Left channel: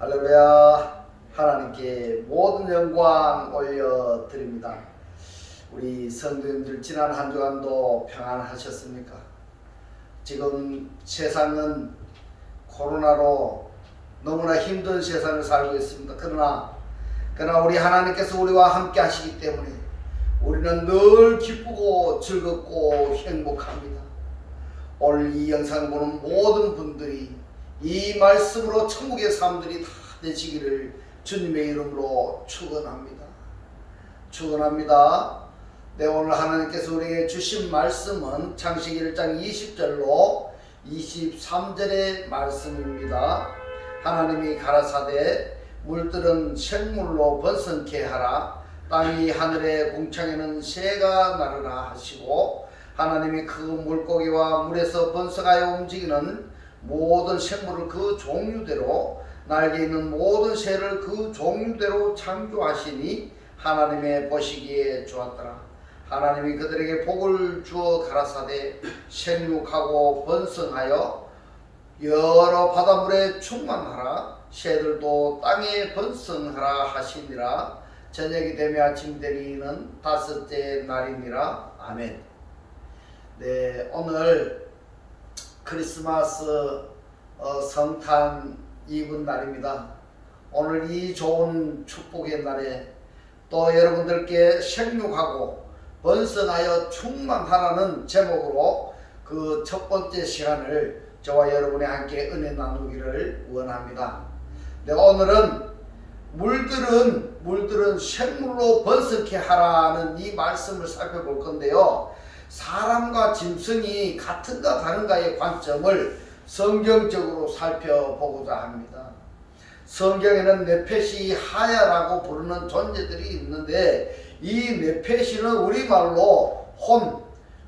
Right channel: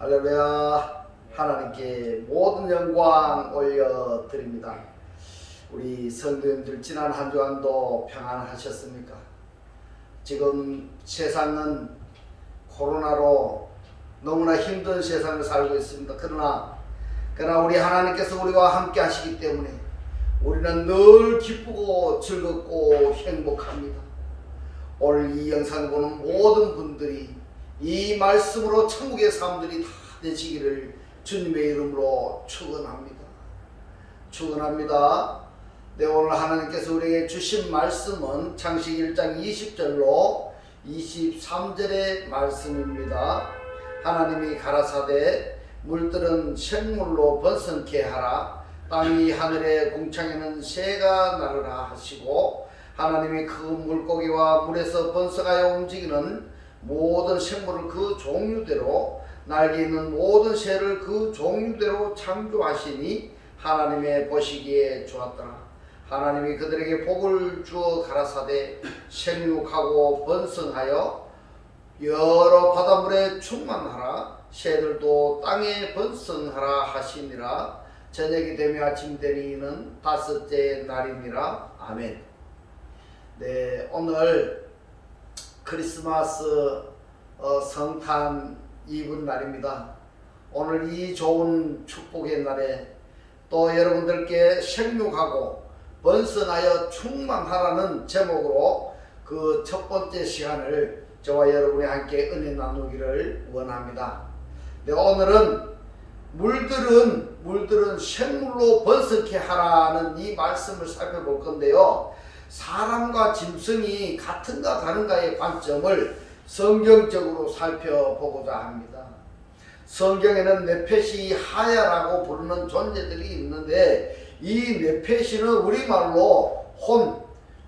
할렐루야. 하나님께 모든 영광 올려드립니다. 우리 성도님들 지난 한 주간도 평안하셨습니까? 지금 세상은 코로나로 너무나 힘든 세상을 살고 있습니다. 그러나 우리 하나님께서 우리와 함께 하시기 때문에 우리는 늘 기쁘고 즐겁고 행복합니다. 오늘 이 영상을 보는 모든 분들이 이 말씀으로 천국의 사람들이 다 되시기를 주님의 이름으로 축원합니다. 축원합니다. 네, 오늘 하나님께서 우리에게 주신 말씀은 창세기 1장 20절로 23절의 말씀입니다. 하나님이 가라사대 물들은 생물로 번성케 하라. 땅 위 하늘의 궁창에는 새가 나르라 하시고, 하나님이 그 물고기와 물에서 번성하여 움직이는 모든 생물을 그 종류대로, 날개 있는 모든 새를 그 종류대로 창조하시니 하나님의 보시기에 좋았더라. 하나님이 그들에게 복을 주어 가라사대 생육하고 번성하여 여러 바닷물에 충만하라. 새들도 땅에 번성하라 하시니라. 저녁이 되며 아침이 되니는 다섯째 날이니라. 아멘. 네, 오늘 크리스마스 성탄 이브 날입니다. 오늘 이 좋은 축복의 날에 또 여러분들께 생육하고 번성하여 충만하라는 제목으로 그 첫 번째 시간을 저와 여러분이 함께 은혜 나누기를 원합니다. 네, 오늘은 물들은 생물로 번성케 하라는 이 말씀을 살펴볼 건데요. 사람과 짐승이 같은가 다른가의 관점을 성경적으로 살펴보고자 합니다. 성경에는 네페시 하야라고 부르는 존재들이 있는데, 이 네페시는 우리말로 혼,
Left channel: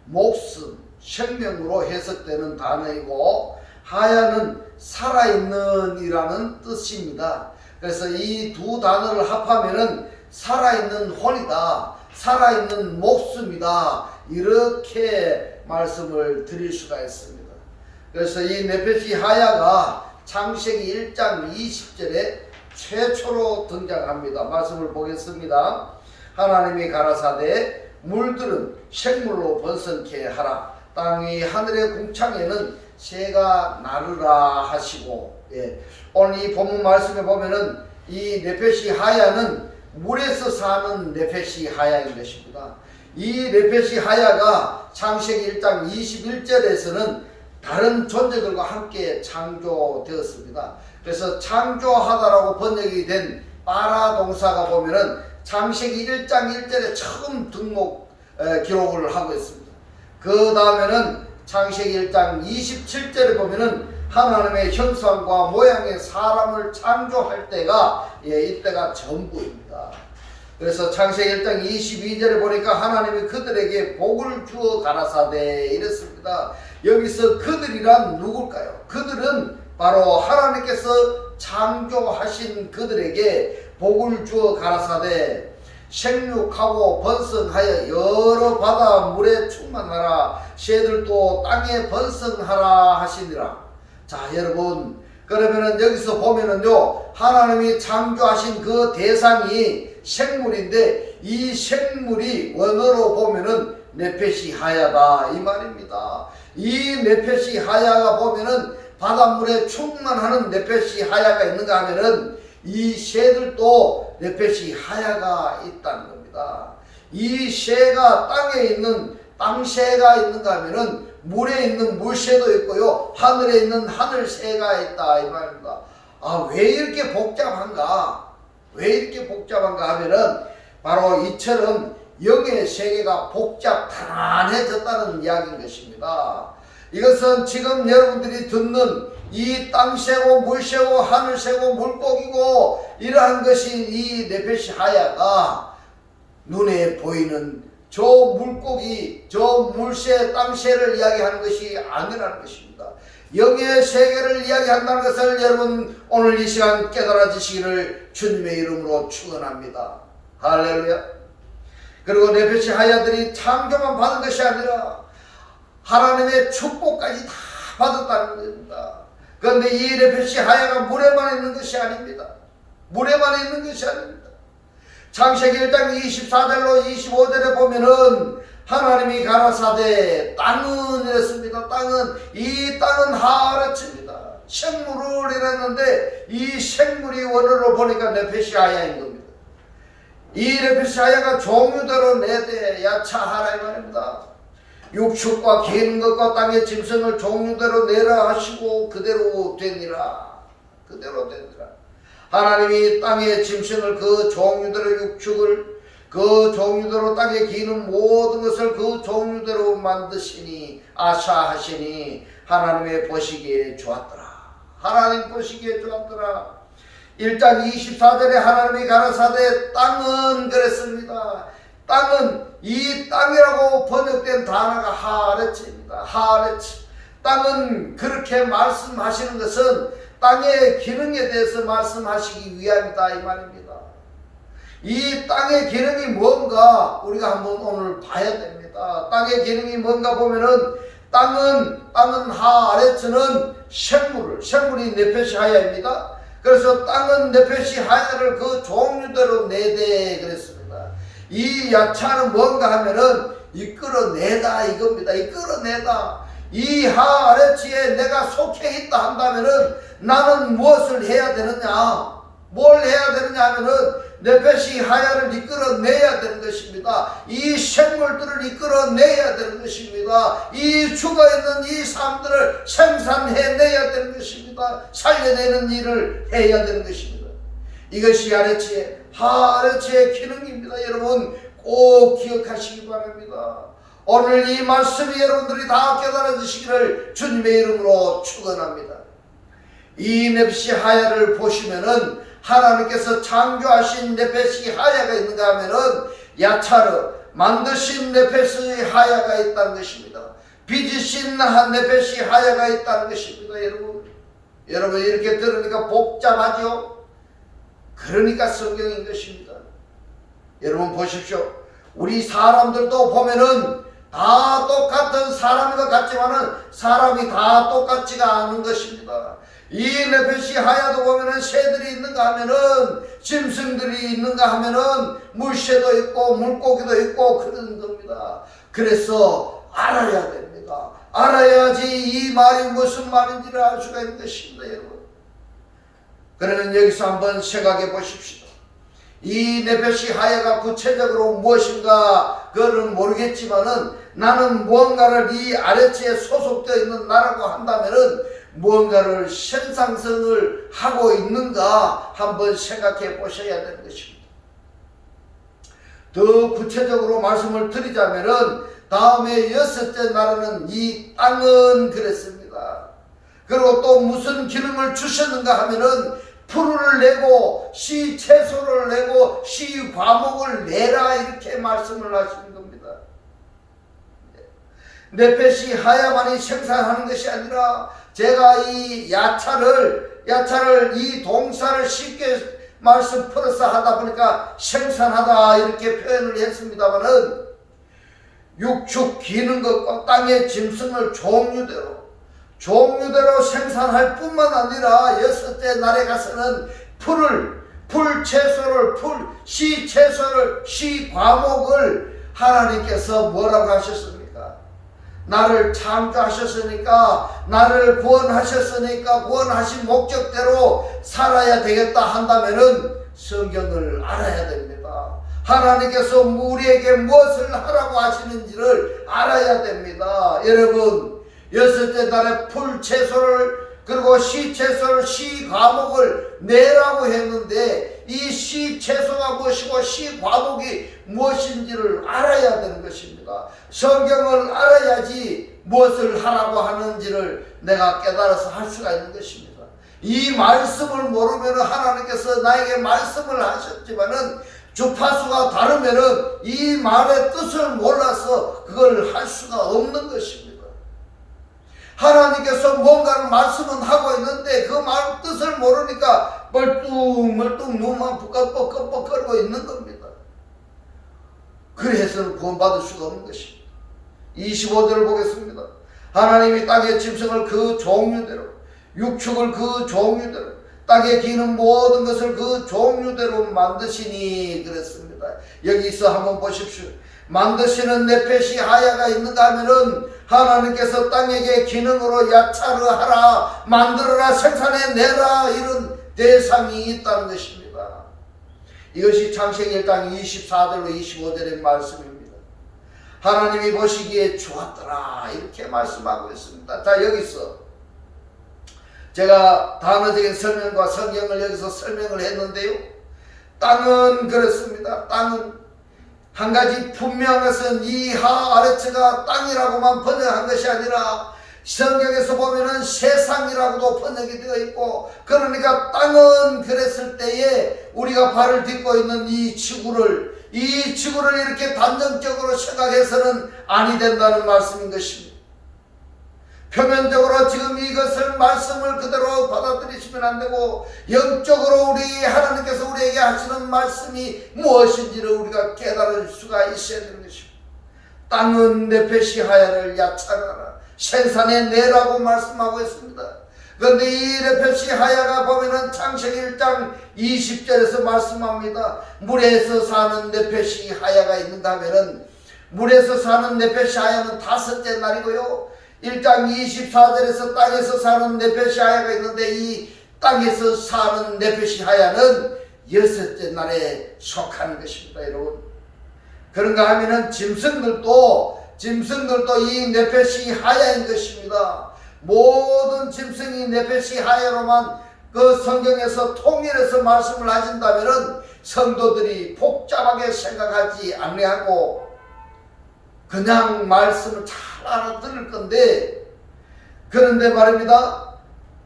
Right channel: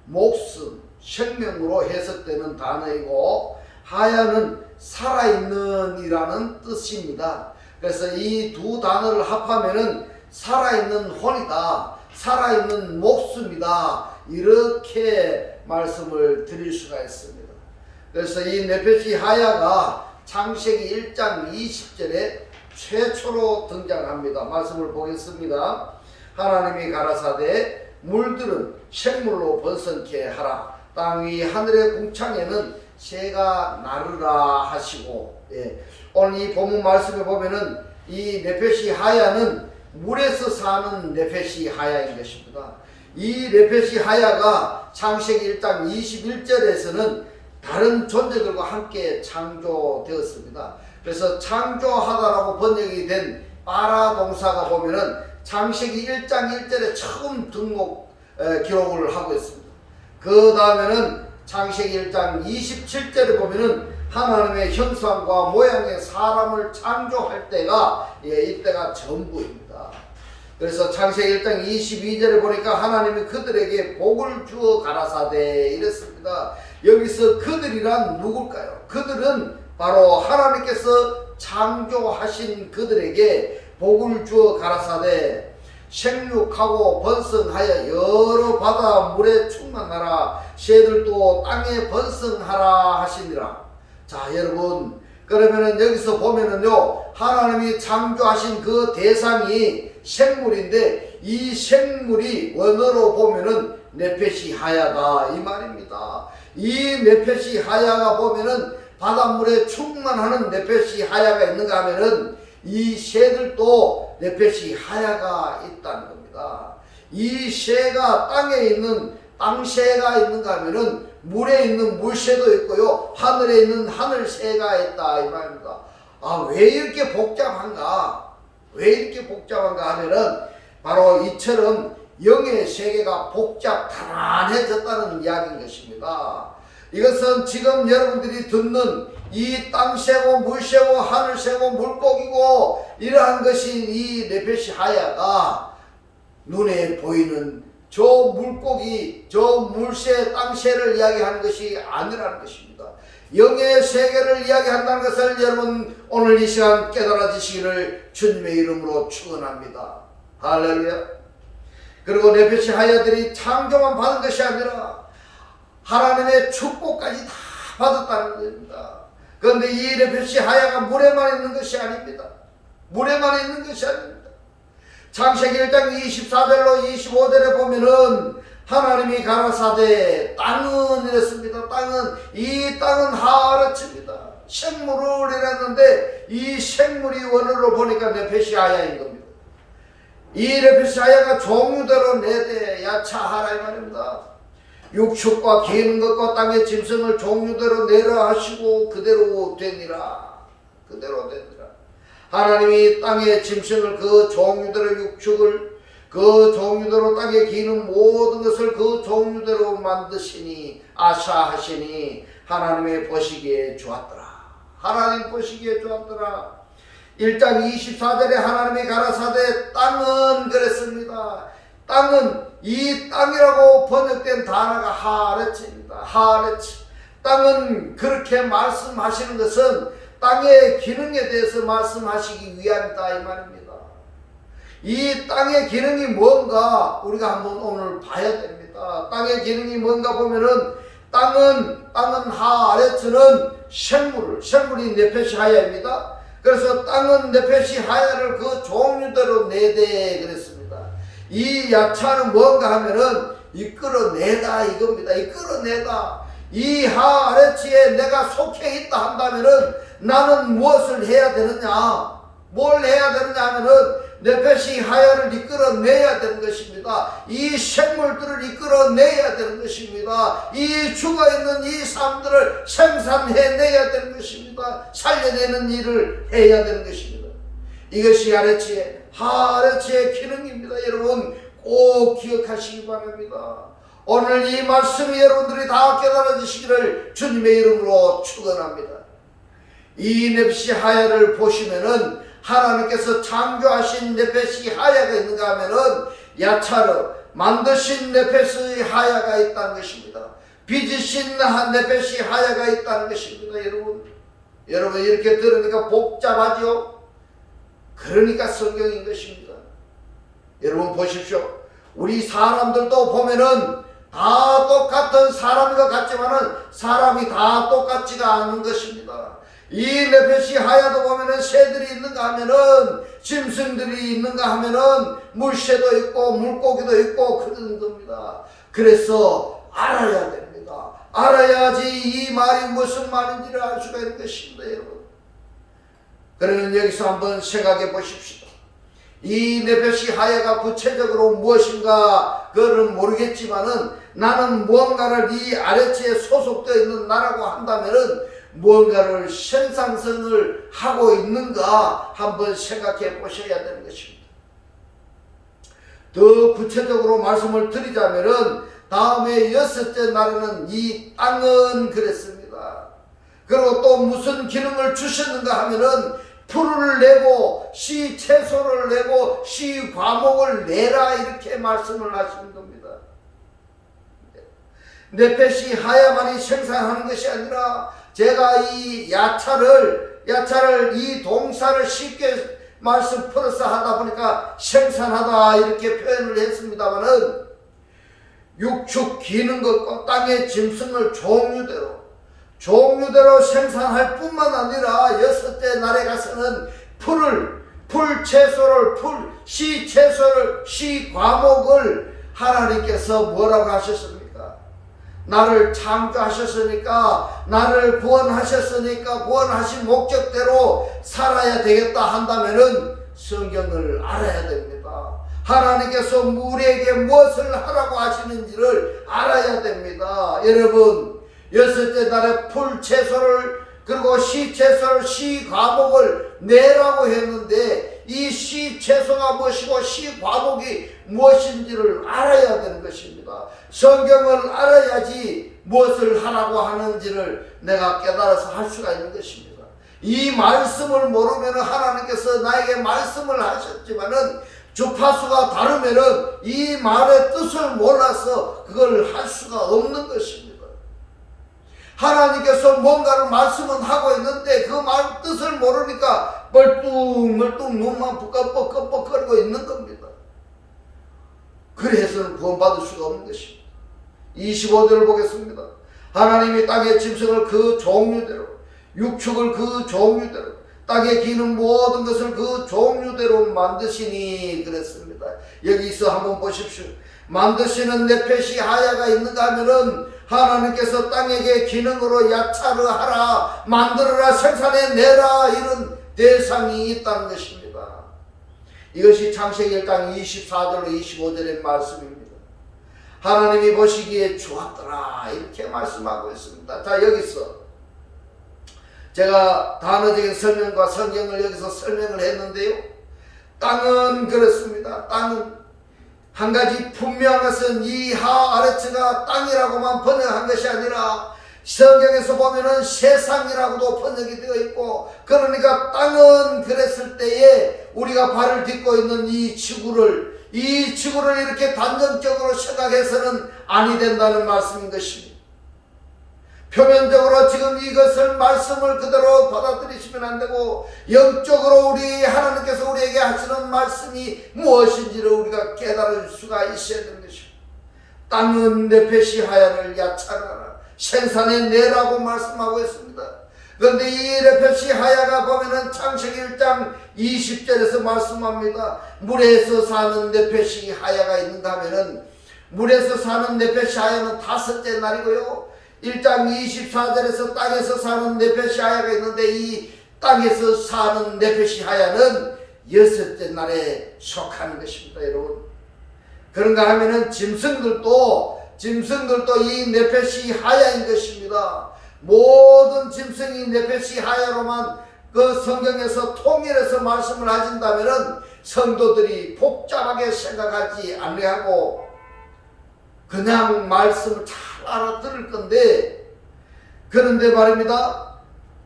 목숨, 생명으로 해석되는 단어이고, 하야는 살아있는 이라는 뜻입니다. 그래서 이 두 단어를 합하면은 살아있는 혼이다, 살아있는 목숨이다, 이렇게 말씀을 드릴 수가 있습니다. 그래서 이 네페시 하야가 창세기 1장 20절에 최초로 등장합니다. 말씀을 보겠습니다. 하나님이 가라사대 물들은 생물로 번성케 하라. 땅 위 하늘의 궁창에는 새가 나르라 하시고, 오늘 이 본문 말씀에 보면은 이 네페시 하야는 물에서 사는 네페시 하야인 것입니다. 이 네페시 하야가 창세기 1장 21절에서는 다른 존재들과 함께 창조되었습니다. 그래서 창조하다라고 번역이 된 빠라 동사가 보면은 창세기 1장 1절에 처음 기록을 하고 있습니다. 그 다음에는 창세기 1장 27절에 보면은 하나님의 형상과 모양의 사람을 창조할 때가 이때가 전부입니다. 그래서 창세기 1장 22절에 보니까 하나님이 그들에게 복을 주어 가라사대 이랬습니다. 여기서 그들이란 누굴까요? 그들은 바로 하나님께서 창조하신 그들에게 복을 주어 가라사대 생육하고 번성하여 여러 바다 물에 충만하라. 새들도 땅에 번성하라 하시니라. 자, 여러분, 그러면은 여기서 보면은요, 하나님이 창조하신 그 대상이 생물인데, 이 생물이 원어로 보면은 네페시 하야다 이 말입니다. 이 네페시 하야가 보면은 바닷물에 충만하는 네페시 하야가 있는가 하면은 이 새들도 네페시 하야가 있다는 겁니다. 이 새가 땅에 있는 땅새가 있는가 하면은 물에 있는 물새도 있고요, 하늘에 있는 하늘새가 있다 이 말입니다. 아, 왜 이렇게 복잡한가? 왜 이렇게 복잡한가 하면은 바로 이처럼 영의 세계가 복잡단단해졌다는 이야기인 것입니다. 이것은 지금 여러분들이 듣는 이 땅새고 물새고 하늘새고 물고기고 이러한 것이 이 네페시 하야가 눈에 보이는 저 물고기, 저 물새, 땅새를 이야기하는 것이 아니라는 것입니다. 영의 세계를 이야기한다는 것을 여러분 오늘 이 시간 깨달아지시기를 주님의 이름으로 축원합니다. 할렐루야. 그리고 네페시 하야들이 창조만 받은 것이 아니라 하나님의 축복까지 다 받았다는 겁니다. 그런데 이 네페시 하야가 물에만 있는 것이 것이 아닙니다. 물에만 있는 것이 아닙니다. 창세기 1장 24절로 25절에 보면은 하나님이 가라사대 땅은 이랬습니다. 이 땅은 하르츠입니다. 생물을 이랬는데 이 생물이 원어로 보니까 네페시아야인 겁니다. 이 네페시아야가 종류대로 내대 야차하라 이 말입니다. 육축과 기는 것과 땅의 짐승을 종류대로 내라 하시고 그대로 되니라. 그대로 되니라. 하나님이 땅의 짐승을 그 종류대로 육축을 그 종류대로 땅에 기는 모든 것을 그 종류대로 만드시니 아사하시니 하나님의 보시기에 좋았더라. 하나님 보시기에 좋았더라. 1장 24절에 하나님이 가라사대 땅은 그랬습니다. 땅은 이 땅이라고 번역된 단어가 하레츠입니다. 하레츠. 땅은 그렇게 말씀하시는 것은 땅의 기능에 대해서 말씀하시기 위함이다 이 말입니다. 이 땅의 기능이 뭔가 우리가 한번 오늘 봐야 됩니다. 땅의 기능이 뭔가 보면은 땅은 하레츠는 생물이 네페시하야입니다. 그래서 땅은 네페시하야를 그 종류대로 내대 그랬습니다. 이 야차는 뭔가 하면은 이끌어내다 이겁니다. 이끌어내다. 이 하레츠에 내가 속해 있다 한다면은 나는 무엇을 해야 되느냐? 뭘 해야 되느냐 하면은 네페시하야를 이끌어내야 되는 것입니다. 이 생물들을 이끌어내야 되는 것입니다. 이 죽어있는 이 삶들을 생산해내야 되는 것입니다. 살려내는 일을 해야 되는 것입니다. 이것이 하레츠의 기능입니다. 여러분 꼭 기억하시기 바랍니다. 오늘 이 말씀이 여러분들이 다 깨달아지시기를 주님의 이름으로 축원합니다. 이 네페시하야를 보시면은 하나님께서 창조하신 네페시하야가 있는가 하면은 야차르 만드신 네페시하야가 있다는 것입니다. 빚으신 네페시하야가 있다는 것입니다. 여러분 이렇게 들으니까 복잡하죠? 그러니까 성경인 것입니다. 여러분 보십시오. 우리 사람들도 보면은 다 똑같은 사람인 것 같지만은 사람이 다 똑같지가 않은 것입니다. 이 네페시하야도 보면은 새들이 있는가 하면은 짐승들이 있는가 하면은 물새도 있고 물고기도 있고 그런 겁니다. 그래서 알아야 됩니다. 알아야지 이 말이 무슨 말인지를 알 수가 있는 것입니다. 여러분 그러면 여기서 한번 생각해 보십시오. 이 네페시하야가 구체적으로 무엇인가 그거는 모르겠지만은 나는 무언가를 이 아레츠에 소속되어 있는 나라고 한다면은 무언가를 생산성을 하고 있는가 한번 생각해 보셔야 되는 것입니다. 더 구체적으로 말씀을 드리자면은 다음에 6째 나라는 이 땅은 그랬습니다. 그리고 또 무슨 기능을 주셨는가 하면은 풀을 내고 씨 채소를 내고 씨 과목을 내라 이렇게 말씀을 하시는 겁니다. 네페시하야만이 생산하는 것이 아니라 제가 이 야차를 이 동사를 쉽게 말씀 풀어서 하다 보니까 생산하다 이렇게 표현을 했습니다마는 육축 기는 것과 땅의 짐승을 종류대로 생산할 뿐만 아니라 6째 날에 가서는 씨 채소를 씨 과목을 하나님께서 뭐라고 하셨습니까? 나를 창조하셨으니까 나를 구원하셨으니까 구원하신 목적대로 살아야 되겠다 한다면은 성경을 알아야 됩니다. 하나님께서 우리에게 무엇을 하라고 하시는지를 알아야 됩니다. 여러분 6째 날에 풀 채소를 그리고 씨 채소를 씨 과목을 내라고 했는데 이 씨 채소가 무엇이고 씨 과목이 무엇인지를 알아야 되는 것입니다. 성경을 알아야지 무엇을 하라고 하는지를 내가 깨달아서 할 수가 있는 것입니다. 이 말씀을 모르면 하나님께서 나에게 말씀을 하셨지만은 주파수가 다르면은 이 말의 뜻을 몰라서 그걸 할 수가 없는 것입니다. 하나님께서 뭔가를 말씀은 하고 있는데 그 말 뜻을 모르니까 멀뚱멀뚱 눈만 뻑뻑뻑뻑거리고 있는 겁니다. 그래서는 구원받을 수가 없는 것입니다. 25절을 보겠습니다. 하나님이 땅의 짐승을 그 종류대로 육축을 그 종류대로 땅에 기는 모든 것을 그 종류대로 만드시니 그랬습니다. 여기서 한번 보십시오. 만드시는 네펫이 하야가 있는가 하면은 하나님께서 땅에게 기능으로 야차를 하라, 만들어라, 생산해내라, 이런 대상이 있다는 것입니다. 이것이 창세기 1장 24절로 25절의 말씀입니다. 하나님이 보시기에 좋았더라, 이렇게 말씀하고 있습니다. 자, 여기서 제가 단어적인 설명과 성경을 여기서 설명을 했는데요. 땅은 그렇습니다. 땅은 한 가지 분명한 것은 이하 아래처가 땅이라고만 번역한 것이 아니라 성경에서 보면은 세상이라고도 번역이 되어 있고, 그러니까 땅은 그랬을 때에 우리가 발을 딛고 있는 이 지구를 이렇게 단정적으로 생각해서는 아니 된다는 말씀인 것입니다. 표면적으로 지금 이것을 말씀을 그대로 받아들이시면 안 되고, 영적으로 우리 하나님께서 우리에게 하시는 말씀이 무엇인지를 우리가 깨달을 수가 있어야 되는 것입니다. 땅은 네펫이 하야를 야차하라, 생산해내라고 말씀하고 있습니다. 그런데 이 네펫이 하야가 보면은 창세기 1장 20절에서 말씀합니다. 물에서 사는 네펫이 하야가 있는가 하면은, 물에서 사는 네펫이 하야는 5째 날이고요, 1장 24절에서 땅에서 사는 네펫이 하야가 있는데, 이 땅에서 사는 네펫이 하야는 6째 날에 속한 것입니다. 여러분, 그런가 하면은 짐승들도 이 네펫이 하야인 것입니다. 모든 짐승이 네펫이 하야로만 그 성경에서 통일해서 말씀을 하신다면은 성도들이 복잡하게 생각하지 아니하고 그냥 말씀을 잘 알아들을 건데, 그런데 말입니다,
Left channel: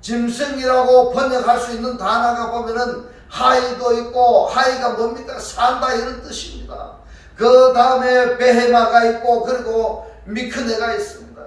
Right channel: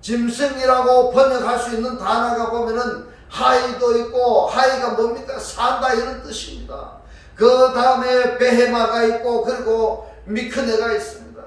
짐승이라고 번역할 수 있는 단어가 보면은 하이도 있고, 하이가 뭡니까? 산다, 이런 뜻입니다. 그 다음에 베헤마가 있고, 그리고 미크네가 있습니다.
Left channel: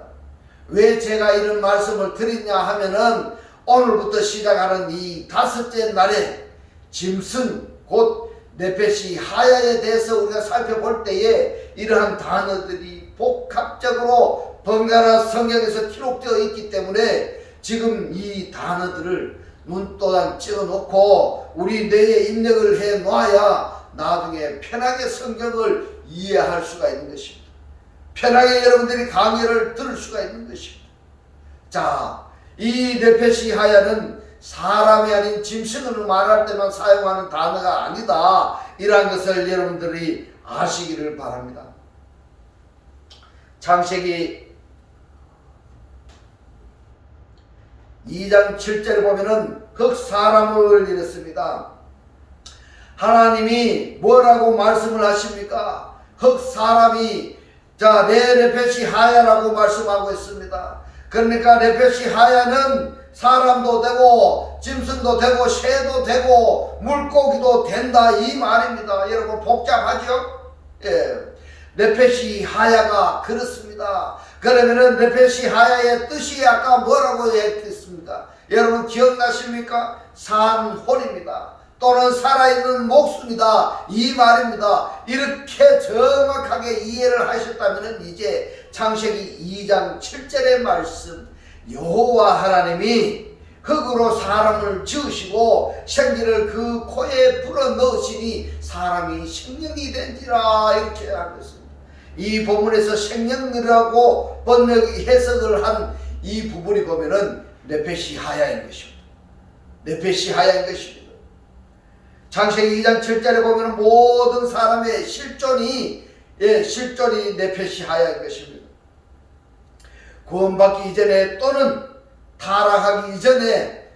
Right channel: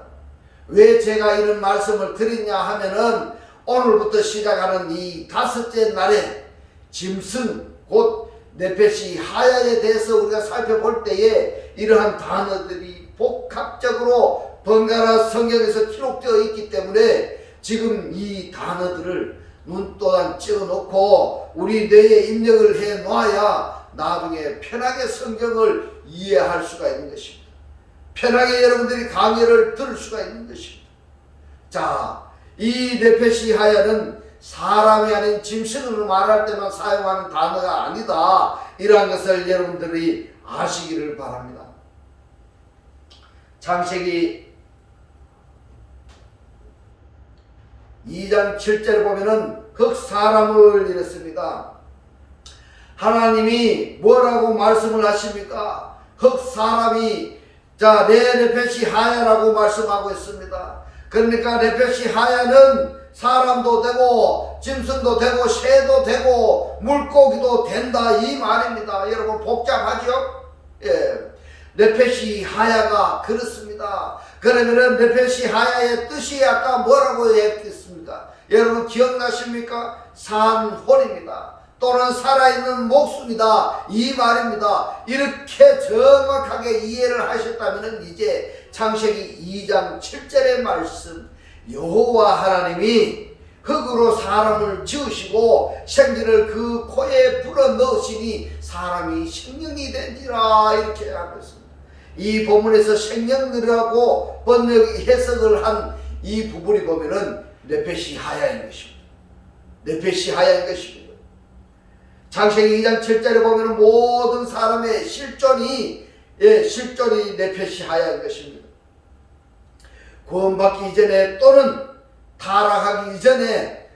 왜 제가 이런 말씀을 드리냐 하면은, 오늘부터 시작하는 이 5째 날에 짐승 곧 네펫이 하야에 대해서 우리가 살펴볼 때에 이러한 단어들이 복합적으로 번갈아 성경에서 기록되어 있기 때문에 지금 이 단어들을 눈도장 찍어놓고 우리 뇌에 입력을 해 놔야 나중에 편하게 성경을 이해할 수가 있는 것입니다. 편하게 여러분들이 강의를 들을 수가 있는 것입니다. 자, 이 네펫이 하야는 사람이 아닌 짐승을 말할 때만 사용하는 단어가 아니다, 이러한 것을 여러분들이 아시기를 바랍니다. 창세기 2장 7절에 보면은 흑사람을 이랬습니다. 하나님이 뭐라고 말씀을 하십니까? 흑사람이 내 네펫이 하야라고 말씀하고 있습니다. 그러니까 네펫이 하야는 사람도 되고 짐승도 되고 새도 되고 물고기도 된다, 이 말입니다. 여러분, 복잡하죠? 예. 네펫이 하야가 그렇습니다. 그러면은 네펫이 하야의 뜻이 아까 뭐라고 했겠습니까? 여러분 기억나십니까? 산홀입니다. 또는 살아있는 목숨이다, 이 말입니다. 이렇게 정확하게 이해를 하셨다면 이제 창세기 2장 7절의 말씀, 여호와 하나님이 흙으로 사람을 지으시고 생기를 그 코에 불어넣으시니 사람이 생명이 된지라, 이렇게 하겠습니다. 이 본문에서 생명이라고 번역 해석을 한 이 부분이 보면은 네펫이 하야인 것입니다. 네펫이 하야인 것입니다. 창세기 2장 7절에 보면은 모든 사람의 실존이 네펫이 하야인 것입니다. 구원받기 이전에 또는 타락하기 이전에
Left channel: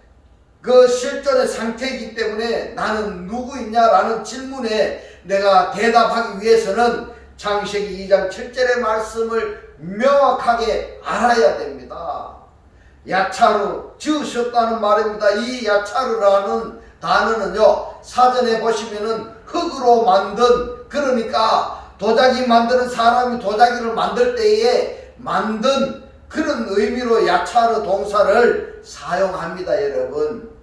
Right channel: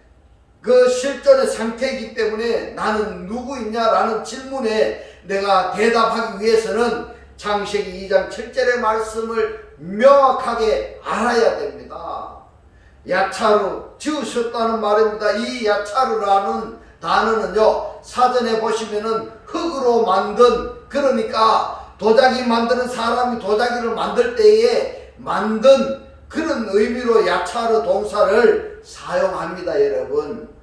그 실존의 상태이기 때문에 나는 누구이냐라는 질문에 내가 대답하기 위해서는 창세기 2장 7절의 말씀을 명확하게 알아야 됩니다. 야차로 지으셨다는 말입니다. 이 야차르라는 단어는요, 사전에 보시면은 흙으로 만든, 그러니까 도자기 만드는 사람이 도자기를 만들 때에 만든 그런 의미로 야차르 동사를 사용합니다, 여러분.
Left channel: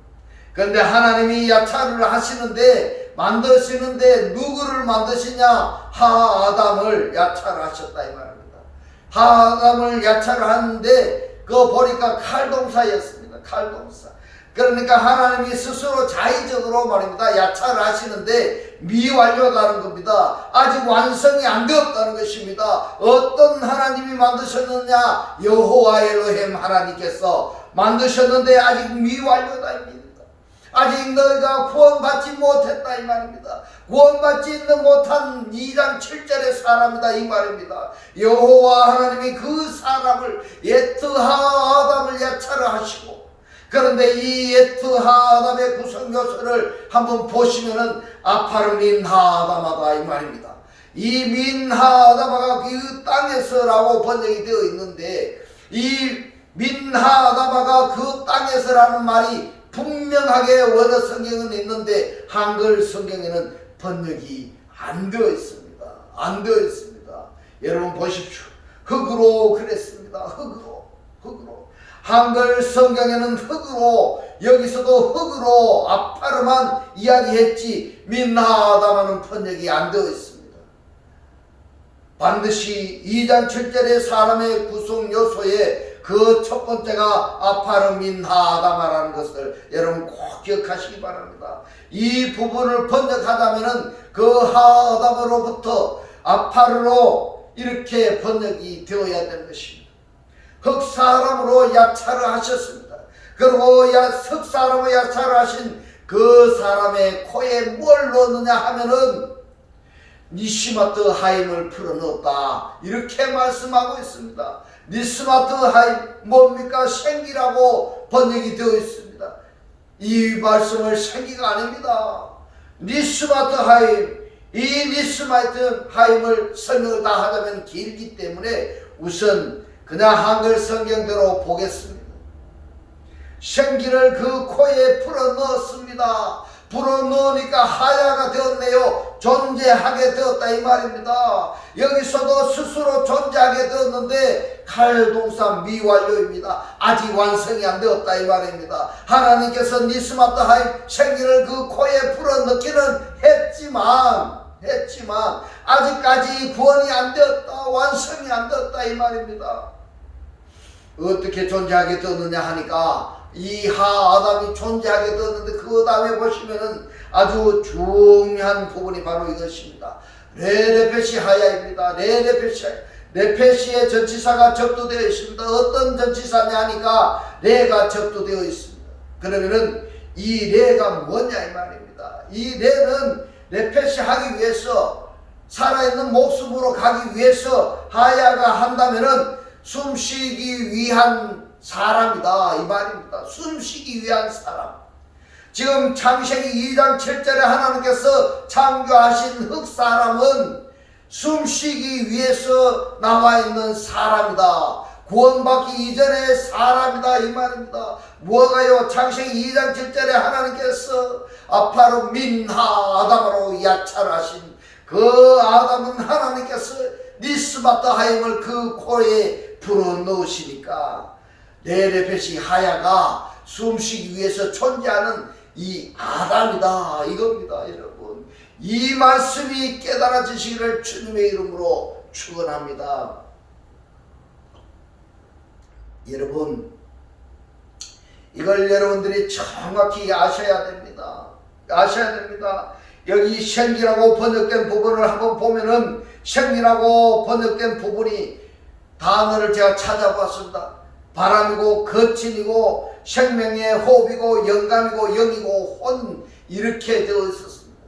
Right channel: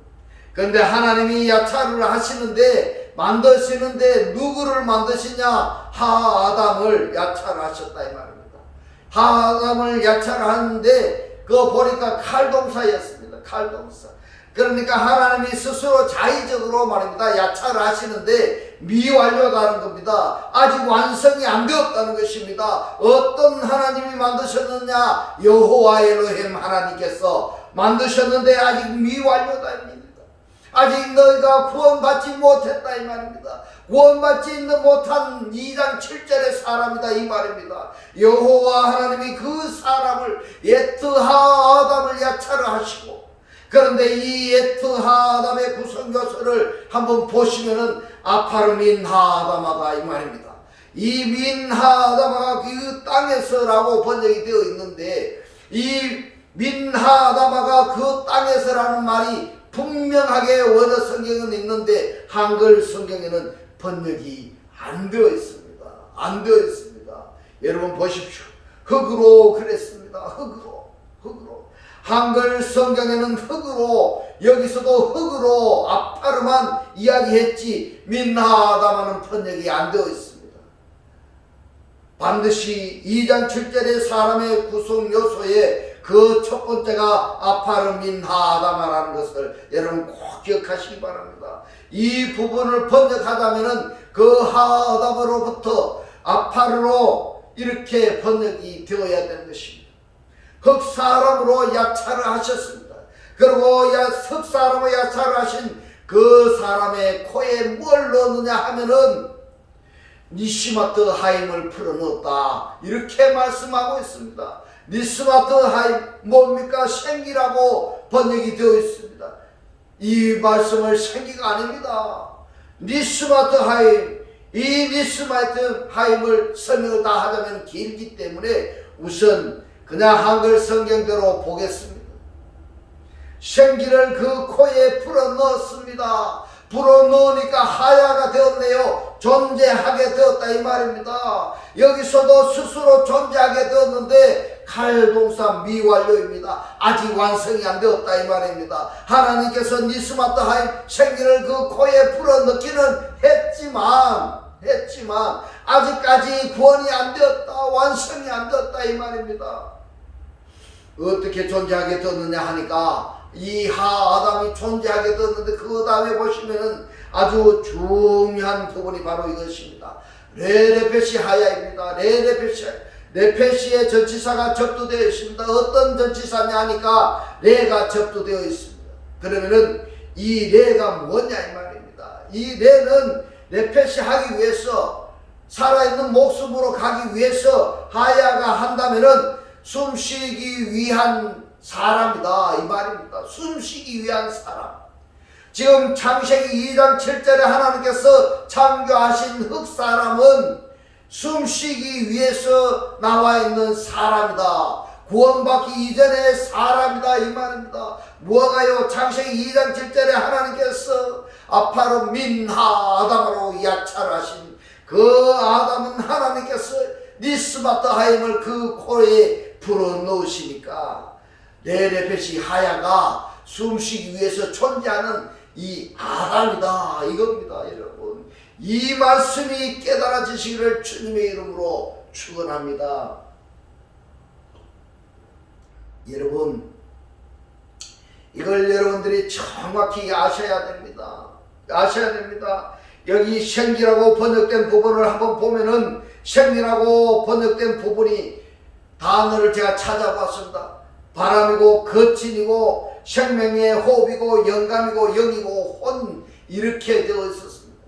그런데 하나님이 야차르를 하시는데, 만드시는데 누구를 만드시냐? 하아담을 야차를 하셨다, 이 말입니다. 하아담을 야차를 하는데 그거 보니까 칼동사였습니다. 칼동사. 그러니까 하나님이 스스로 자의적으로 말입니다. 야차를 하시는데 미완료다는 겁니다. 아직 완성이 안 되었다는 것입니다. 어떤 하나님이 만드셨느냐? 여호와 엘로힘 하나님께서 만드셨는데 아직 미완료다입니다. 아직 너희가 구원받지 못했다 이 말입니다. 구원받지 못한 2장 7절의 사람이다 이 말입니다. 여호와 하나님이 그 사람을 예트하 아담을 야차를 하시고, 그런데 이 예트하 아담의 구성 요소를 한번 보시면은 아파르 민하 아담하다 이 말입니다. 이 민하 아담아가 그 땅에서라고 번역이 되어 있는데, 이 민하 아담아가 그 땅에서라는 말이 분명하게 원어 성경은 있는데 한글 성경에는 번역이 안 되어 있습니다. 안 되어 있습니다. 여러분 보십시오. 흙으로 그랬습니다. 흙으로. 한글 성경에는 흙으로, 여기서도 흙으로 아파르만 이야기했지 민하다마는 번역이 안 되어 있습니다. 반드시 2장 7절의 사람의 구성 요소에 그 첫 번째가 아파르 민하다마라는 것을 여러분 꼭 기억하시기 바랍니다. 이 부분을 번역하자면은 그 하아담으로부터 아파르로 이렇게 번역이 되어야 되는 것입니다. 흙 사람으로 야차를 하셨습니다. 그리고 흙 사람으로 야차를 하신 그 사람의 코에 뭘 넣느냐 하면은 니시마트 하임을 풀어넣었다 이렇게 말씀하고 있습니다. 니스마트 하임 뭡니까? 생기라고 번역이 되어 있습니다. 이 말씀을 생기가 아닙니다. 니스마트 하임, 이 니스마트 하임을 설명을 다 하자면 길기 때문에 우선 그냥 한글 성경대로 보겠습니다. 생기를 그 코에 풀어 넣었습니다. 불어 넣으니까 하야가 되었네요. 존재하게 되었다 이 말입니다. 여기서도 스스로 존재하게 되었는데 칼동사 미완료입니다. 아직 완성이 안 되었다 이 말입니다. 하나님께서 니스마트 하임 생기를 그 코에 불어 넣기는 했지만 아직까지 구원이 안 되었다, 완성이 안 되었다 이 말입니다. 어떻게 존재하게 되었느냐 하니까 이 하아담이 존재하게 되었는데 그 다음에 보시면은 아주 중요한 부분이 바로 이것입니다. 레레페시 하야입니다. 레페시의 전치사가 접두되어 있습니다. 어떤 전치사냐 하니까 레가 접두되어 있습니다. 그러면은 이 레가 뭐냐 이 말입니다. 이 레는 레페시 하기 위해서, 살아있는 목숨으로 가기 위해서 하야가 한다면은 숨쉬기 위한 사람이다 이 말입니다. 숨쉬기 위한 사람. 지금 창세기 2장 7절에 하나님께서 창조하신 흙사람은 숨쉬기 위해서 나와 있는 사람이다. 구원받기 이전의 사람이다 이 말입니다. 뭐가요? 창세기 2장 7절에 하나님께서 아파르 민하 아담으로 야차를 하신 그 아담은 하나님께서 니스마트 하임을 그 코에 불어넣으시니까 레레페시 하야가 숨쉬기 위해서 존재하는 이 아담이다 이겁니다. 여러분, 이 말씀이 깨달아지시기를 주님의 이름으로 축원합니다. 여러분, 이걸 여러분들이 정확히 아셔야 됩니다. 여기 생기라고 번역된 부분을 한번 보면은 생기라고 번역된 부분이 단어를 제가 찾아봤습니다. 바람이고 거친이고 생명의 호흡이고 영감이고 영이고 혼 이렇게 되어 있었습니다.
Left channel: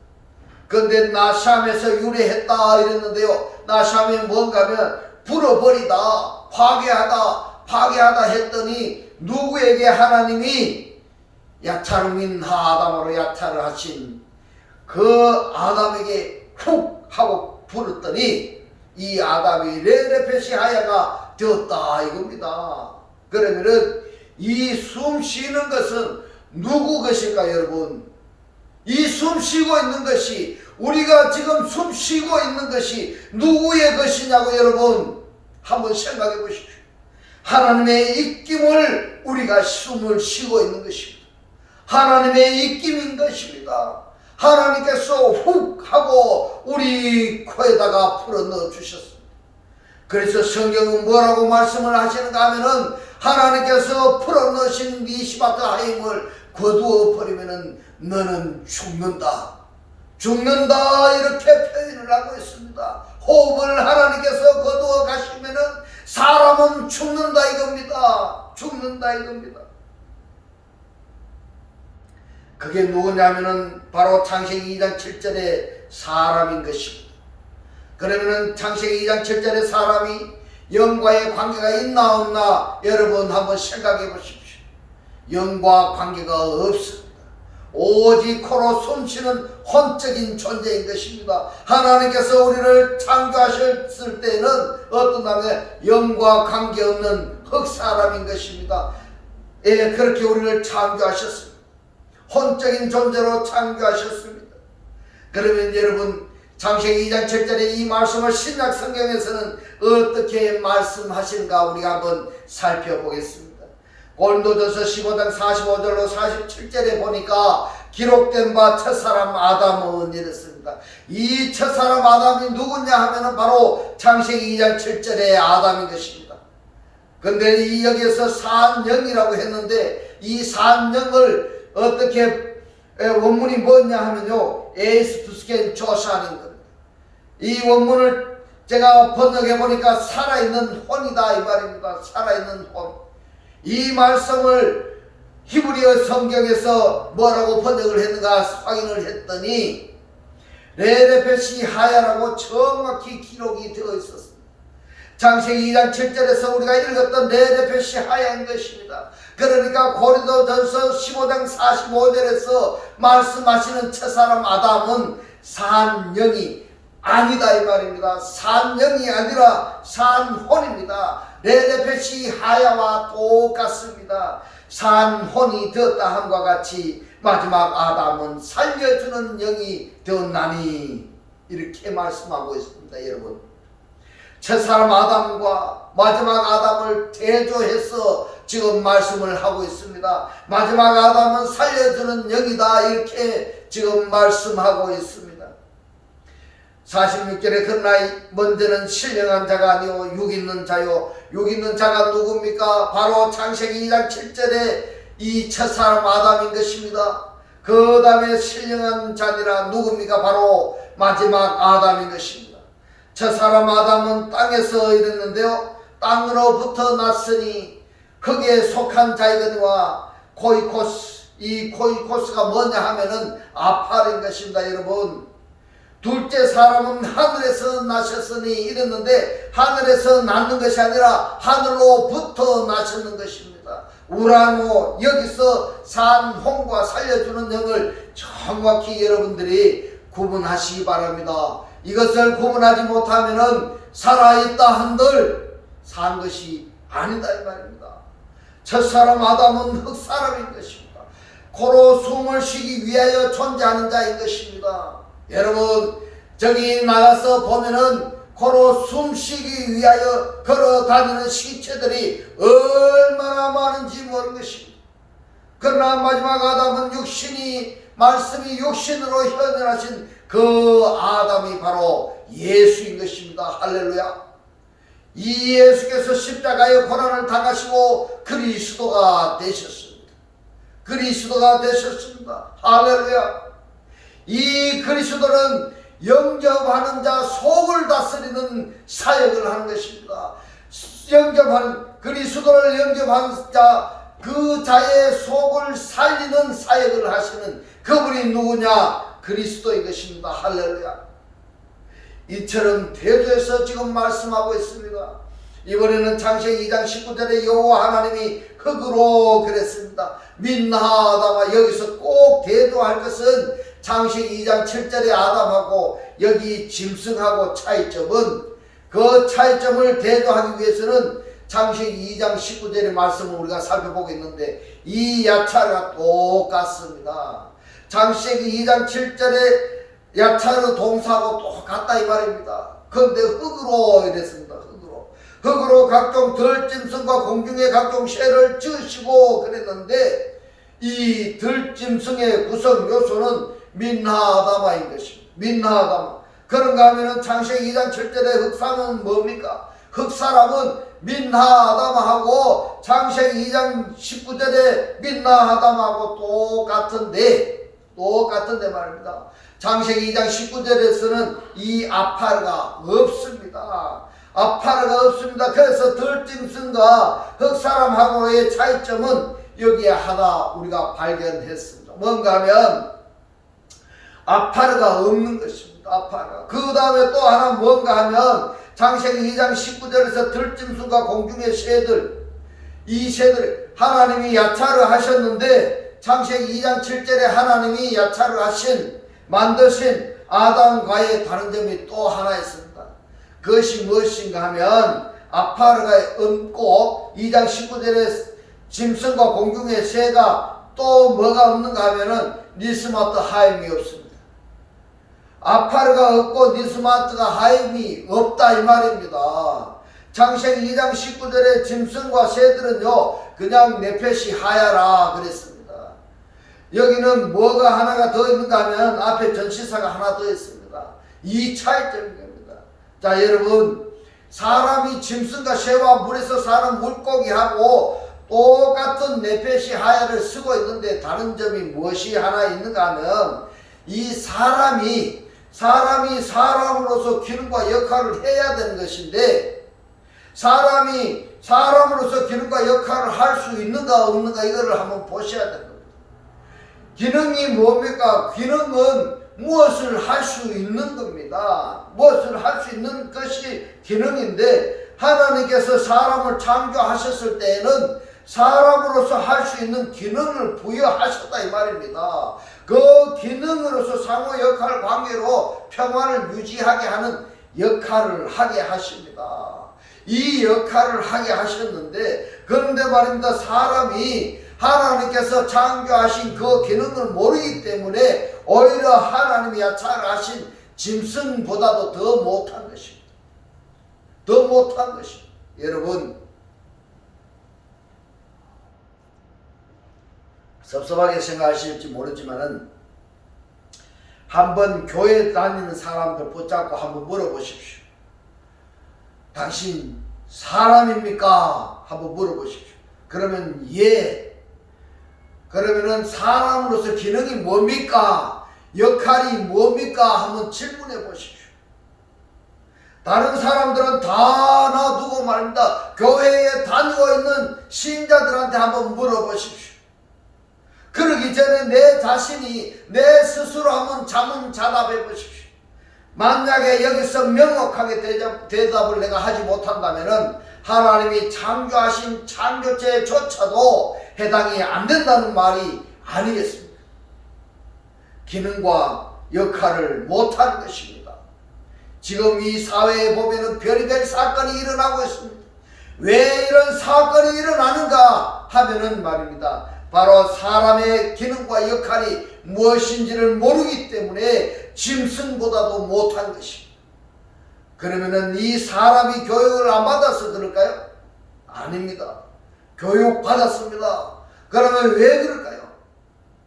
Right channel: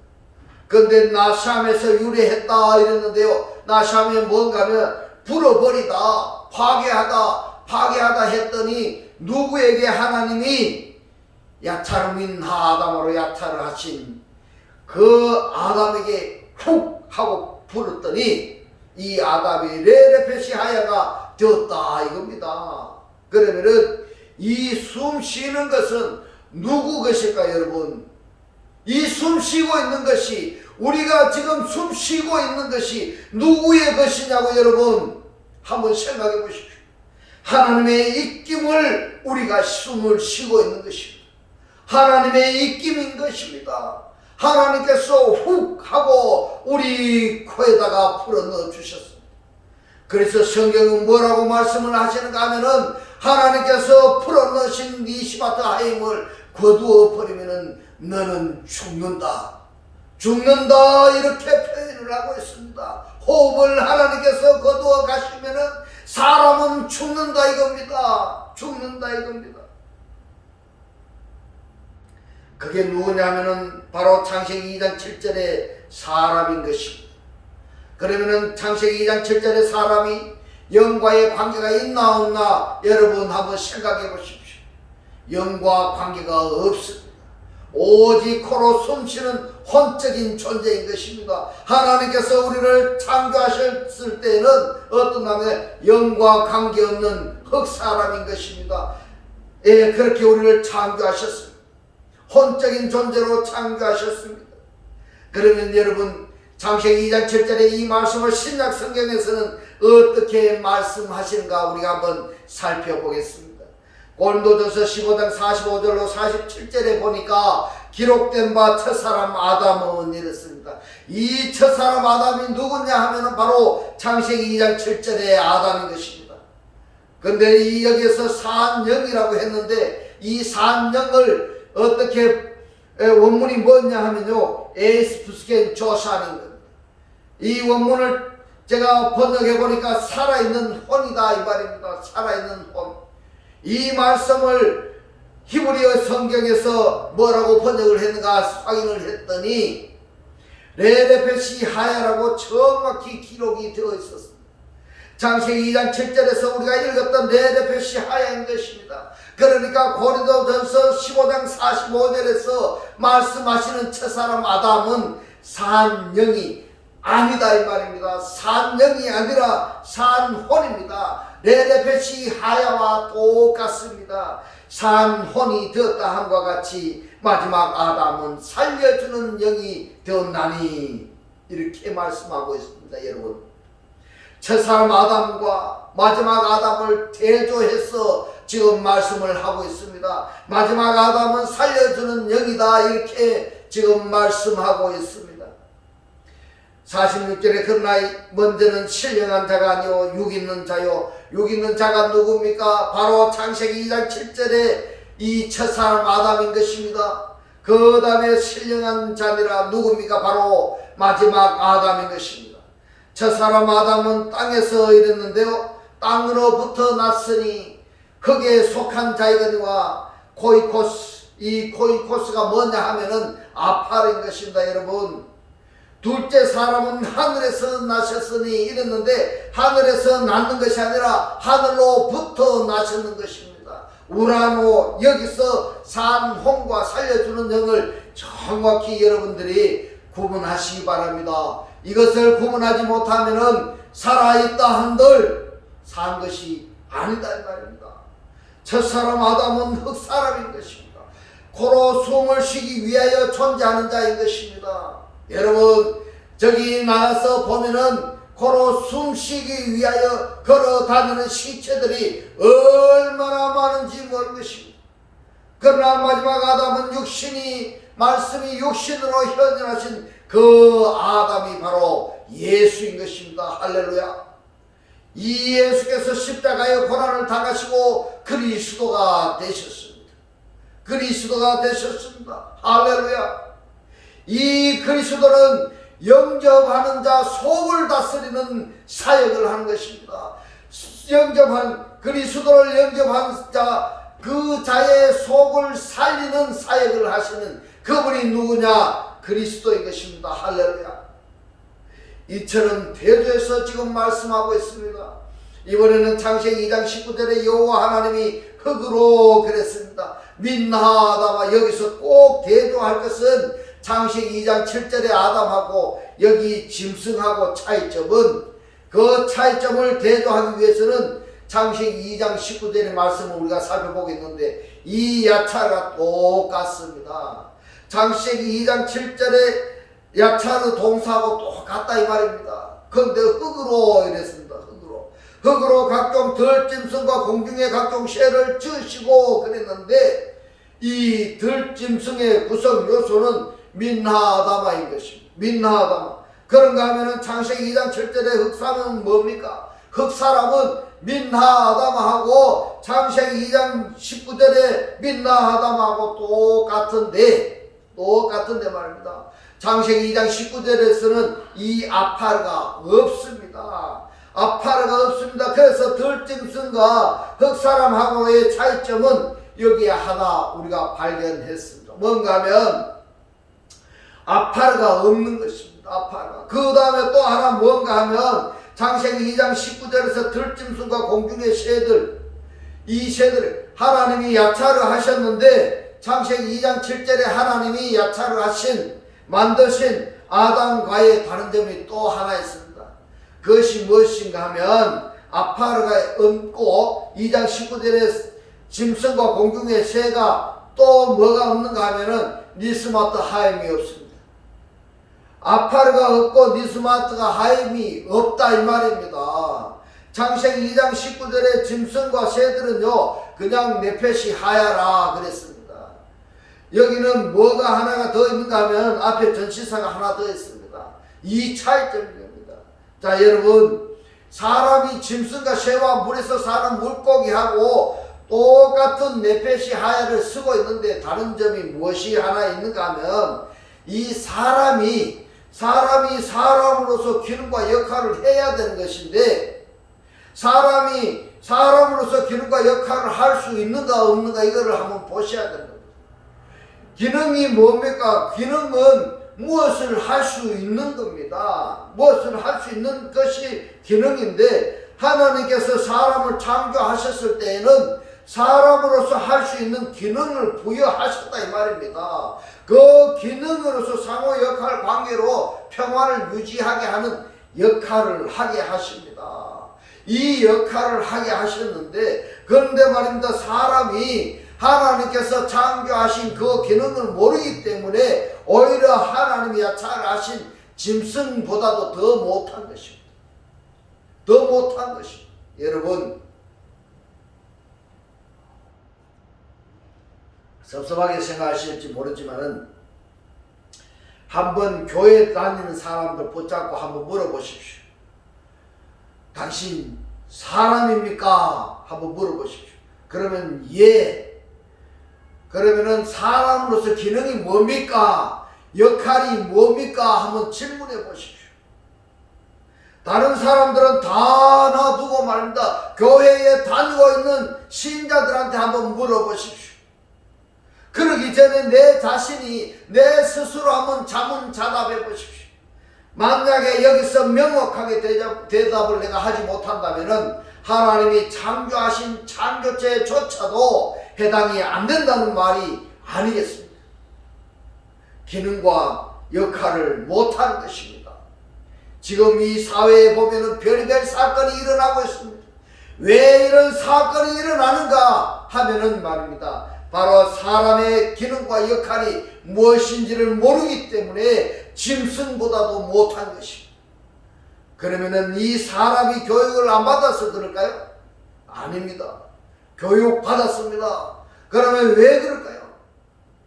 그런데 나샴에서 유래했다 이랬는데요. 나샴이 뭔가 하면 불어버리다, 파괴하다 했더니 누구에게 하나님이 야차르 민하 아담으로 야차를 하신 그 아담에게 훅 하고 불었더니 이 아담이 레레페시 하야가 되었다 이겁니다. 그러면은 이 숨 쉬는 것은 누구 것일까 여러분? 이 숨 쉬고 있는 것이, 우리가 지금 숨 쉬고 있는 것이 누구의 것이냐고 여러분 한번 생각해 보십시오. 하나님의 입김을 우리가 숨을 쉬고 있는 것입니다. 하나님의 입김인 것입니다. 하나님께서 훅 하고 우리 코에다가 풀어 넣어 주셨습니다. 그래서 성경은 뭐라고 말씀을 하시는가 하면은 하나님께서 풀어 넣으신 니시마트 하임을 거두어 버리면은 너는 죽는다. 죽는다 이렇게 표현을 하고 있습니다. 호흡을 하나님께서 거두어 가시면은 사람은 죽는다 이겁니다. 죽는다 이겁니다. 그게 누구냐면은 바로 창세기 2장 7절의 사람인 것입니다. 그러면은 창세기 2장 7절의 사람이 영과의 관계가 있나 없나 여러분 한번 생각해 보십시오. 영과 관계가 없습니다. 오직 코로 숨쉬는 혼적인 존재인 것입니다. 하나님께서 우리를 창조하셨을 때는 어떤 남의 영과 관계없는 흙사람인 것입니다. 예, 그렇게 우리를 창조하셨습니다. 혼적인 존재로 창조하셨습니다. 그러면 여러분 창세기 2장 7절의 이 말씀을 신약 성경에서는 어떻게 말씀하시는가 우리가 한번 살펴보겠습니다. 고린도전서 15장 45절로 47절에 보니까 기록된 바 첫사람 아담은 이랬습니다. 이 첫사람 아담이 누구냐 하면은 바로 창세기 2장 7절의 아담인 것입니다. 근데 이 여기에서 산영이라고 했는데 이 산영을 어떻게 원문이 뭐냐 하면요 에스푸스겐 조산인 겁니다. 이 원문을 제가 번역해 보니까 살아있는 혼이다 이 말입니다. 살아있는 혼. 이 말씀을 히브리어 성경에서 뭐라고 번역을 했는가 확인을 했더니 레레페시 하야라고 정확히 기록이 되어 있었습니다. 창세기 2장 7절에서 우리가 읽었던 레레페시 하야인 것입니다. 그러니까 고린도전서 15장 45절에서 말씀하시는 첫사람 아담은 산영이 아니다 이 말입니다. 산영이 아니라 산혼입니다. 레레페시 하야와 똑같습니다. 산혼이 되었다 함과 같이 마지막 아담은 살려주는 영이 되었나니 이렇게 말씀하고 있습니다. 여러분 첫사람 아담과 마지막 아담을 대조해서 지금 말씀을 하고 있습니다. 마지막 아담은 살려주는 영이다 이렇게 지금 말씀하고 있습니다. 46절에 그러나 먼저는 신령한 자가 아니요 육 있는 자요. 육 있는 자가 누굽니까? 바로 창세기 2장 7절에 이 첫사람 아담인 것입니다. 그 다음에 신령한 자니라 누굽니까? 바로 마지막 아담인 것입니다. 첫사람 아담은 땅에서 이랬는데요. 땅으로부터 났으니 흙에 속한 자이거니와 코이코스. 이 코이코스가 뭐냐 하면은 아팔인 것입니다. 여러분 둘째 사람은 하늘에서 나셨으니 이랬는데 하늘에서 낳는 것이 아니라 하늘로부터 나셨는 것입니다. 우라노 여기서 산홍과 살려주는 영을 정확히 여러분들이 구분하시기 바랍니다. 이것을 구분하지 못하면은 살아있다 한들 산 것이 아니다 이 말입니다. 첫사람 아담은 흙사람인 것입니다. 코로 숨을 쉬기 위하여 존재하는 자인 것입니다. 여러분 저기 나가서 보면은 코로 숨쉬기 위하여 걸어 다니는 시체들이 얼마나 많은지 모르는 것입니다. 그러나 마지막 아담은 육신이 말씀이 육신으로 현현하신 그 아담이 바로 예수인 것입니다. 할렐루야. 이 예수께서 십자가의 고난을 당하시고 그리스도가 되셨습니다. 그리스도가 되셨습니다. 할렐루야. 이 그리스도는 영접하는 자 속을 다스리는 사역을 하는 것입니다. 그리스도를 영접한 자 그 자의 속을 살리는 사역을 하시는 그분이 누구냐? 그리스도인 것입니다. 할렐루야. 이처럼 대조해서 지금 말씀하고 있습니다. 이번에는 창세기 2장 19절에 여호와 하나님이 흙으로 그랬습니다. 민나아다마 여기서 꼭 대조할 것은 창세기 2장 7절의 아담하고 여기 짐승하고 차이점은 그 차이점을 대조하기 위해서는 창세기 2장 19절의 말씀을 우리가 살펴보겠는데 이 야차가 똑같습니다. 창세기 2장 7절의 야차의 동사하고 똑같다 이 말입니다. 그런데 흙으로 이랬습니다. 흙으로 각종 들짐승과 공중의 각종 새를 지으시고 그랬는데 이 들짐승의 구성 요소는 민나아다마인 것입니다. 민나아다마. 그런가 하면은 창세기 2장 7절의 흙사람은 뭡니까? 흙사람은 민나아담하고 창세기 2장 19절에 민나아담하고 똑같은데 말입니다. 창세기 2장 19절에서는 이 아파르가 없습니다. 아파르가 없습니다. 그래서 들짐승과 흑사람하고의 차이점은 여기에 하나 우리가 발견했습니다. 뭔가 하면 아파르가 없는 것입니다. 아파르가. 그 다음에 또 하나 뭔가 하면 창세기 2장 19절에서 들짐승과 공중의 새들, 이 새들 하나님이 야차를 하셨는데 창세기 2장 7절에 하나님이 야차를 만드신 아담과의 다른 점이 또 하나 있습니다. 그것이 무엇인가 하면 아파르가 없고 2장 19절에 짐승과 공중의 새가 또 뭐가 없는가 하면은 니스마트 하임이 없습니다. 아파르가 없고 니스마트가 하임이 없다 이 말입니다. 창세기 2장 19절에 짐승과 새들은요 그냥 네펫이 하야라 그랬습니다. 여기는 뭐가 하나가 더 있는가 하면 앞에 전치사가 하나 더 있습니다. 이 차이점입니다. 자 여러분, 사람이 짐승과 새와 물에서 사는 물고기하고 똑같은 네펫이 하야를 쓰고 있는데 다른 점이 무엇이 하나 있는가 하면 이 사람이 사람으로서 기능과 역할을 해야 되는 것인데 사람이 사람으로서 기능과 역할을 할 수 있는가 없는가 이거를 한번 보셔야 됩니다. 기능이 뭡니까? 기능은 무엇을 할 수 있는 겁니다. 무엇을 할 수 있는 것이 기능인데 하나님께서 사람을 창조하셨을 때에는 사람으로서 할 수 있는 기능을 부여하셨다 이 말입니다. 그 기능으로서 상호 역할 관계로 평화를 유지하게 하는 역할을 하게 하십니다. 이 역할을 하게 하셨는데 그런데 말입니다. 사람이 하나님께서 창조하신 그 기능을 모르기 때문에 오히려 하나님이 야차를 하신 짐승보다도 더 못한 것입니다. 더 못한 것입니다. 여러분, 섭섭하게 생각하실지 모르지만은 한번 교회 다니는 사람들 붙잡고 한번 물어보십시오. 당신 사람입니까? 한번 물어보십시오. 그러면 예. 그러면은 사람으로서 기능이 뭡니까? 역할이 뭡니까? 한번 질문해 보십시오. 다른 사람들은 다 놔두고 말입니다. 교회에 다니고 있는 신자들한테 한번 물어보십시오. 그러기 전에 내 자신이 내 스스로 한번 자문자답해 보십시오. 만약에 여기서 명확하게 대답을 내가 하지 못한다면은 하나님이 창조하신 창조체조차도 해당이 안 된다는 말이 아니겠습니까? 기능과 역할을 못하는 것입니다. 지금 이 사회에 보면은 별의별 사건이 일어나고 있습니다. 왜 이런 사건이 일어나는가 하면은 말입니다. 바로 사람의 기능과 역할이 무엇인지를 모르기 때문에 짐승보다도 못한 것입니다. 그러면은 이 사람이 교육을 안 받아서 그럴까요? 아닙니다. 교육 받았습니다. 그러면 왜 그럴까요?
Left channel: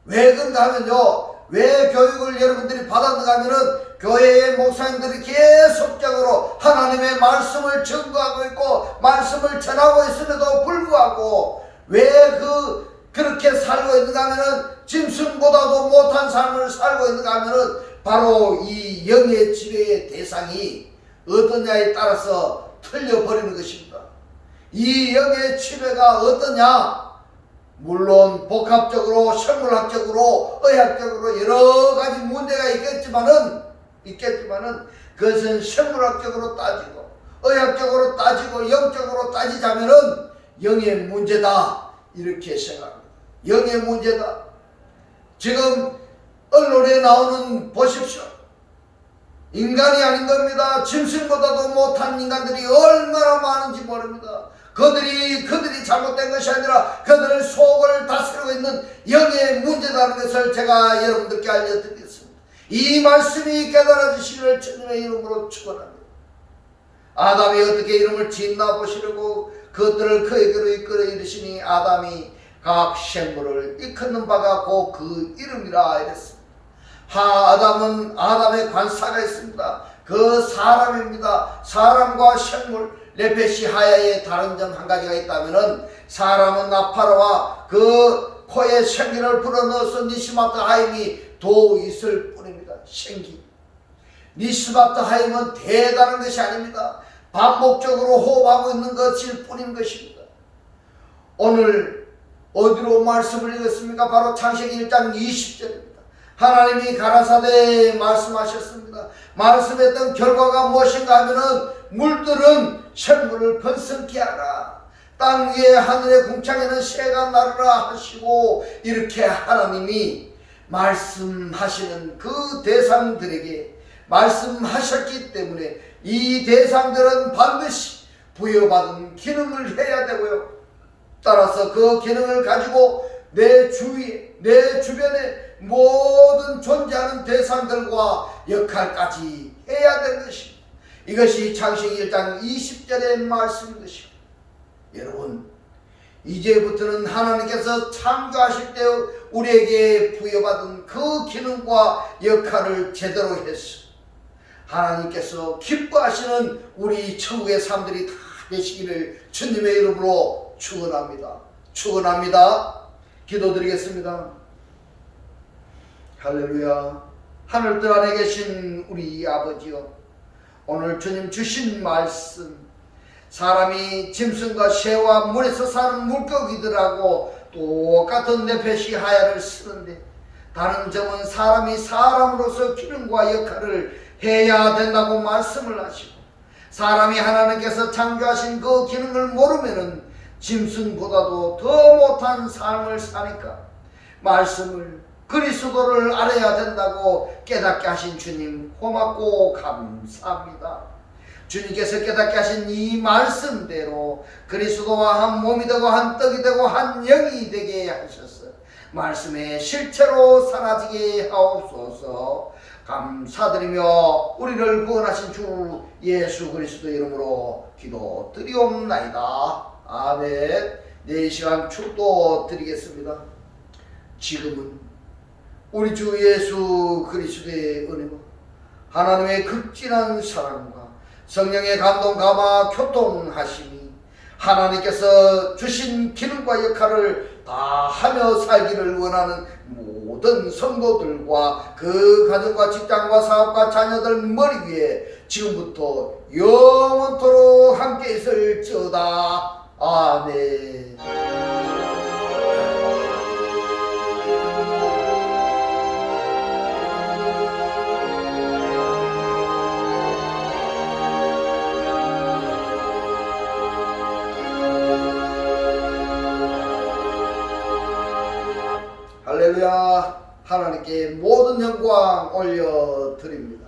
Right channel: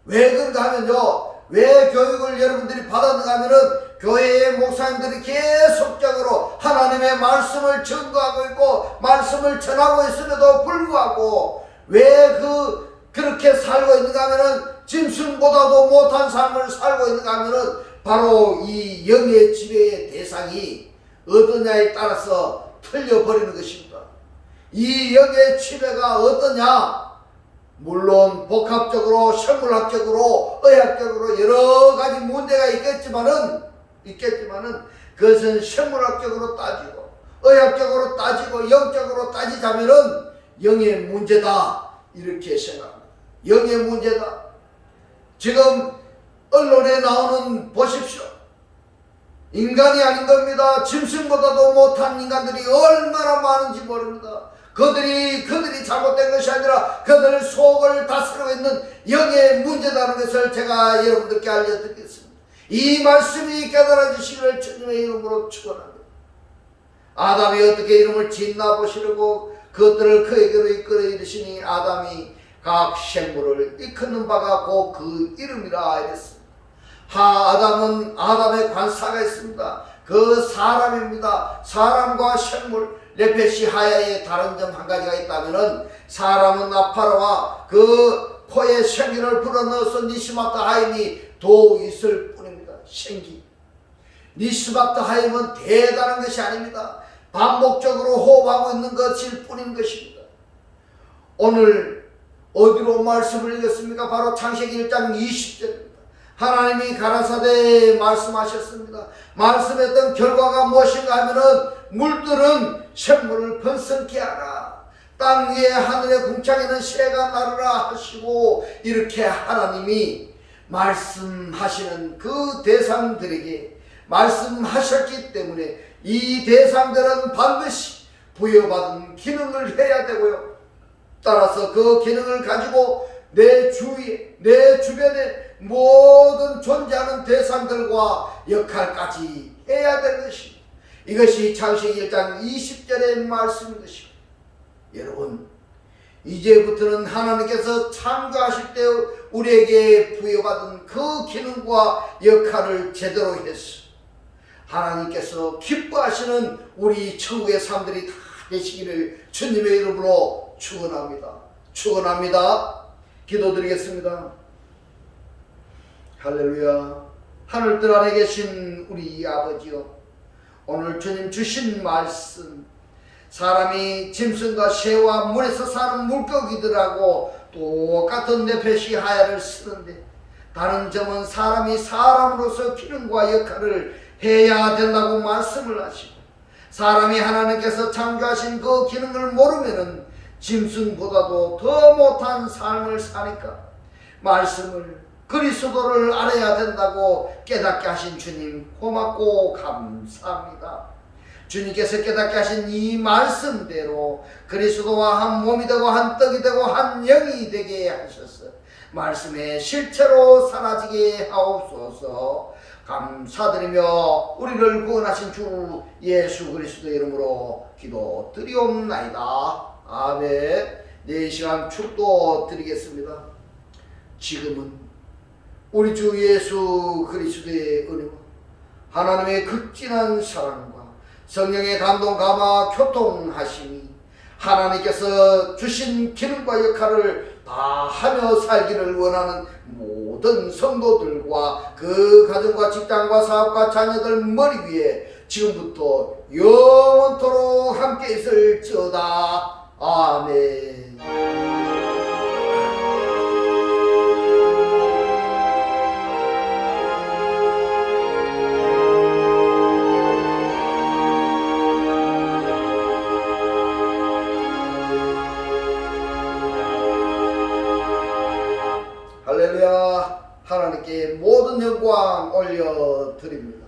왜 그런가 하면요, 왜 교육을 여러분들이 받았는가 하면은 교회의 목사님들이 계속적으로 하나님의 말씀을 증거하고 있고 말씀을 전하고 있음에도 불구하고 왜 그렇게 살고 있는가 하면은 짐승보다도 못한 삶을 살고 있는가 하면은 바로 이 영의 지배의 대상이 어떠냐에 따라서 틀려버리는 것입니다. 이 영의 지배가 어떠냐? 물론 복합적으로 생물학적으로 의학적으로 여러 가지 문제가 있겠지만은 그것은 생물학적으로 따지고 의학적으로 따지고 영적으로 따지자면은 영의 문제다 이렇게 생각합니다. 영의 문제다. 지금 언론에 나오는 보십시오. 인간이 아닌 겁니다. 짐승보다도 못한 인간들이 얼마나 많은지 모릅니다. 그들이 잘못된 것이 아니라 그들의 속을 다스리고 있는 영의 문제라는 것을 제가 여러분들께 알려드리겠습니다. 이 말씀이 깨달아지시기를 주님의 이름으로 축원합니다. 아담이 어떻게 이름을 짓나 보시려고 그것들을 그에게로 이끌어 이르시니 아담이 각 생물을 일컫는 바가 곧 그 이름이라 이랬습니다. 아담은 아담의 관사가 있습니다. 그 사람입니다. 사람과 생물, 네페시 하야의 다른 점 한 가지가 있다면은 사람은 나파라와 그 코에 생기를 불어넣어서 니스마트 하임이 도 있을 뿐입니다. 생기. 니스마트 하임은 대단한 것이 아닙니다. 반복적으로 호흡하고 있는 것일 뿐인 것입니다. 오늘 어디로 말씀을 읽었습니까? 바로 창세기 1장 20절입니다. 하나님이 가라사대에 말씀하셨습니다. 말씀했던 결과가 무엇인가 하면은 물들은 생물을 번성케 하라. 땅 위에 하늘의 궁창에는 새가 나르라 하시고, 이렇게 하나님이 말씀하시는 그 대상들에게 말씀하셨기 때문에 이 대상들은 반드시 부여받은 기능을 해야 되고요. 따라서 그 기능을 가지고 내 주위에, 내 주변에 모든 존재하는 대상들과 역할까지 해야 되는 것입니다. 이것이 창세기 1장 20절의 말씀인 것입니다. 여러분, 이제부터는 하나님께서 창조하실 때 우리에게 부여받은 그 기능과 역할을 제대로 해서 하나님께서 기뻐하시는 우리 천국의 삶들이 다 되시기를 주님의 이름으로 축원합니다. 축원합니다. 기도드리겠습니다. 할렐루야. 하늘들 안에 계신 우리 아버지요, 오늘 주님 주신 말씀, 사람이 짐승과 새와 물에서 사는 물고기들하고 똑같은 네페시 하야를 쓰는데, 다른 점은 사람이 사람으로서 기능과 역할을 해야 된다고 말씀을 하시고, 사람이 하나님께서 창조하신 그 기능을 모르면은 짐승보다도 더 못한 삶을 사니까 말씀을, 그리스도를 알아야 된다고 깨닫게 하신 주님 고맙고 감사합니다. 주님께서 깨닫게 하신 이 말씀대로 그리스도와 한 몸이 되고 한 떡이 되고 한 영이 되게 하셔서 말씀의 실체로 사라지게 하옵소서. 감사드리며 우리를 구원하신 주 예수 그리스도 이름으로 기도드리옵나이다. 아멘. 네, 이 시간 축도 드리겠습니다. 지금은 우리 주 예수 그리스도의 은혜와 하나님의 극진한 사랑과 성령의 감동 감화 교통하심이 하나님께서 주신 기능과 역할을 다 하며 살기를 원하는 모든 성도들과 그 가정과 직장과 사업과 자녀들 머리 위에 지금부터 영원토록 함께 있을지어다. 아멘. 할렐루야. 하나님께 모든 영광 올려드립니다.